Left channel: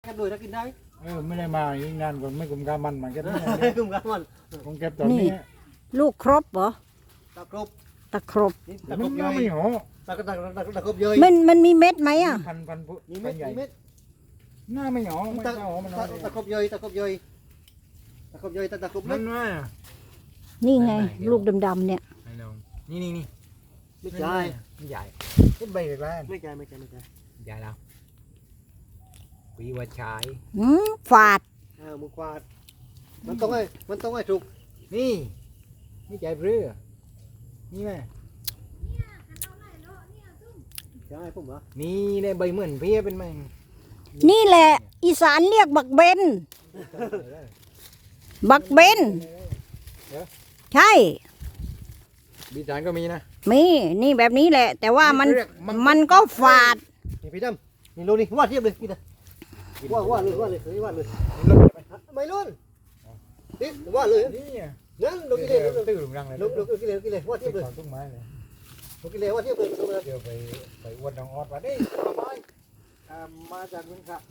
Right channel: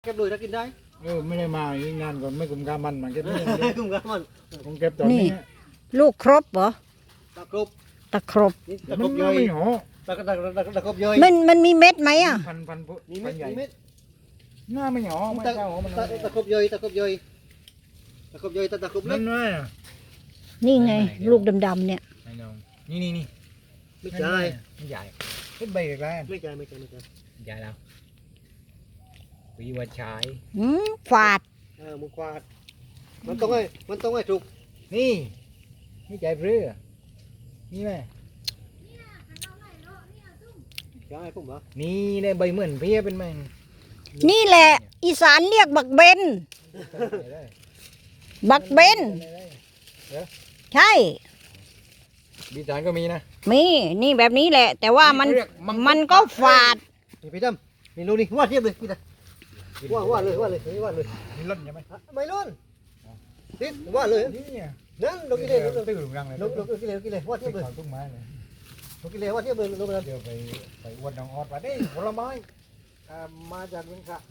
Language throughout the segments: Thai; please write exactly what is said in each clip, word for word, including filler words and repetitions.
เก็บด้วยถ้ากินได้เออไม่ได้มาอีกงานก็ไม่กุมกามันมันเก็บไม่ได้กุ้งกันมันคงเก็บตอนนี้ลูกครบเหรอตะกรุบตะครบนี่แต่ตะกมัรุนบย่อยไม่หอตะกรุบตะกรุบตะกรุบตะกรุบย่อยมันมันมีเม็ดไหมอ่ะพันพันพุมีพัเม็นดใหญ่มีเม็ดหน้าไม่หอมันตะเข้าหอมันตะตะกรุบย่อยตะกรุบย่อยตะกรุบย่อยตะตะกรุบเล็นั่กนไงนี่ไง ลูกดำๆเนี่ยไอ้น้องนี่นี่นี่ไม่ใช่ไม่ใหญ่ขึ้นไปอีกแล้วไม่ใช่ไม่ใช่ไม่ใช่ใหญ่แล้วปีวัชายอืมฝาดเออมือกวาดมันต้องให้มันต้องให้ถูกนี่ไม่ใหญ่เรือนี่แม่ใช่ผมเหรอนี่ได้ใบเหมือนเพี้ยเป็นแมงนี่แหละ อีสานเรียกบักเบน บักเบน ใช่บีสานก็มีนะมีนี่แบบนี้แหละ แต่ว่ามันเรียกมังคุดมันก็ฝาดนี่พี่ดำนี่ดูนี่วาดเทียบเลยพี่ดำวาดวาดเลยวาดเลยวาดเลยลดใช่ไหมใบรุ่นนี่วาดเลยนี่อ่ะนั่นลงกิเลสลงตื้อหลุมรังเลยลงลงกิเลสกิเลสวาดเทียบเลยสอนต้นไม้เลยลงกิเลสวาดเทียบเลยลงเลยเดี๋ยวไปไปอวดน้องออดว่าได้ผลไม้อ่ามาจากเมืองขะ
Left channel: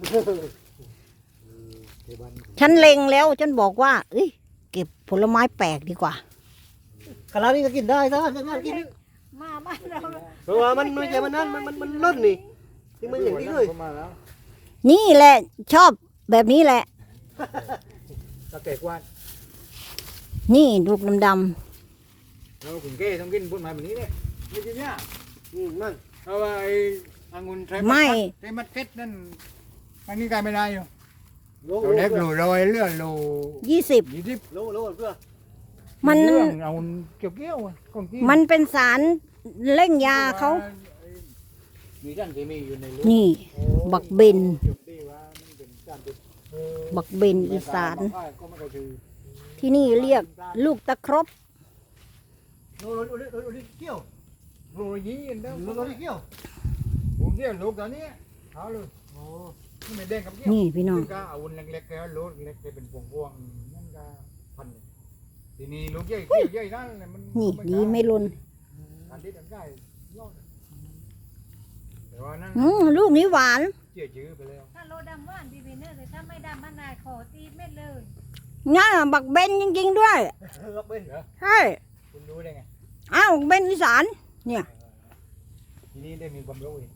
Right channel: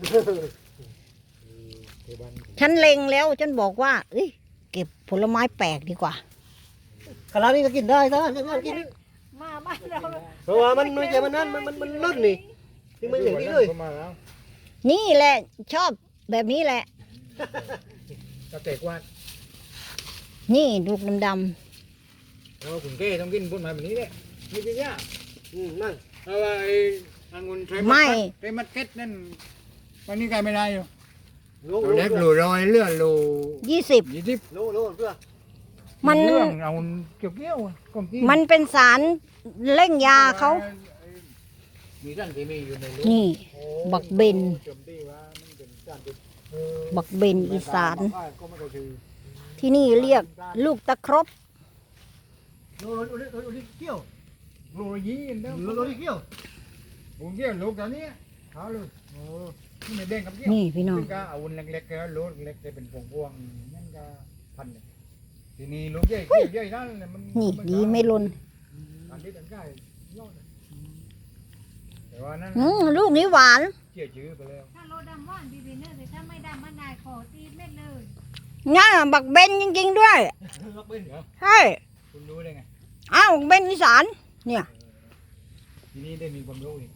ที่บ้านฉันเล็งแล้ว ฉันบอกว่าเอ้ยเก็บผลไม้แปลกดีกว่าขนาดนี้ก็กินได้ซะไม่ว่ากินมาบ้านเราเพราะว่ามันไม่ใช่มันนั่นมันมันมันล้นนี่ที่มันอย่างนี้เลยมาแล้วนี่แหละชอบแบบนี้แหละตะเตะกวาดนี่ลูกดำเราขุนเก้ต้องกินพุ่นไม้แบบนี้เนี่ยไม่ใช่เนี่ยอืมนั่นเพราะว่าไอ้องุ่นไทยๆไม่ไทยมัดเก็ตนั่นตอนนี้กลายไม่ได้อยู่ลงลเรางเล็กหลูรอยเลื่อนหลูยี่สิบยี่สิบลงลงเพื่อมันเรื่องเอาเกี่ยวเกี่ยวอะของจริงมันเป็นสารเร่งยาเขามีสารเคมีอยู่ในเลือดนี่โอ้บักเบนเชื่อมตีว่ามันเป็นสารพิษเออบักเบนอีสานก็ไม่เคยถือที่นี่เรียกลูกตะครบลงลงลงลงลงเกี่ยวโรยยี่อันเดียวลงลงเกี่ยวโอ้เกี่ยวลูกตอนนี้เอาเลยโอ้นี่ไม่แดงกับเกี่ยวนี่พี่น้องซึ่งก็เอาอุ่นเล็กๆแล้วลูกเล็กจะเป็นพวงพวงๆนั่นก็พันเลยทีนี้ลูกใหญ่เกี่ยวใหญ่นั่นเลยมันนี่ดีไม่ลนอันที่ตั้งใกล้ยอดเลยแต่ว่านั่นอืมลูกนี้หวานเกี่ยวชื้อไปแล้วถ้าโลดำว่านดีเวเนอร์แต่ถ้าไม่ดำมะนายขอตีเม็ดเลยง่าบักเบนจริงๆด้วยล็อกเป็นเหรอใช่คุณรู้ได้ไงอ้าวเบนอีสานเนี่ยทีนี้ได้มีความรู้อีก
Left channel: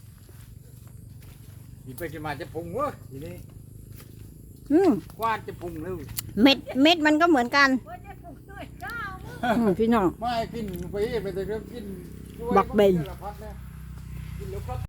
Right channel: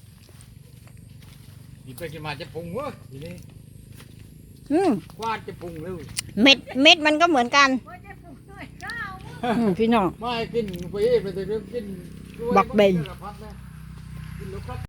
ทีไปจะมาจะพุงวะทีนี้อืมวาดจะพุงเลยเม็ดเม็ดมันก็เหมือนกันว่าจะปลูกด้วยก้าวอืมพี่น้องไม่กินไปไปแต่เรื่องกินบักเบนสารพัดนะกินลูกครับ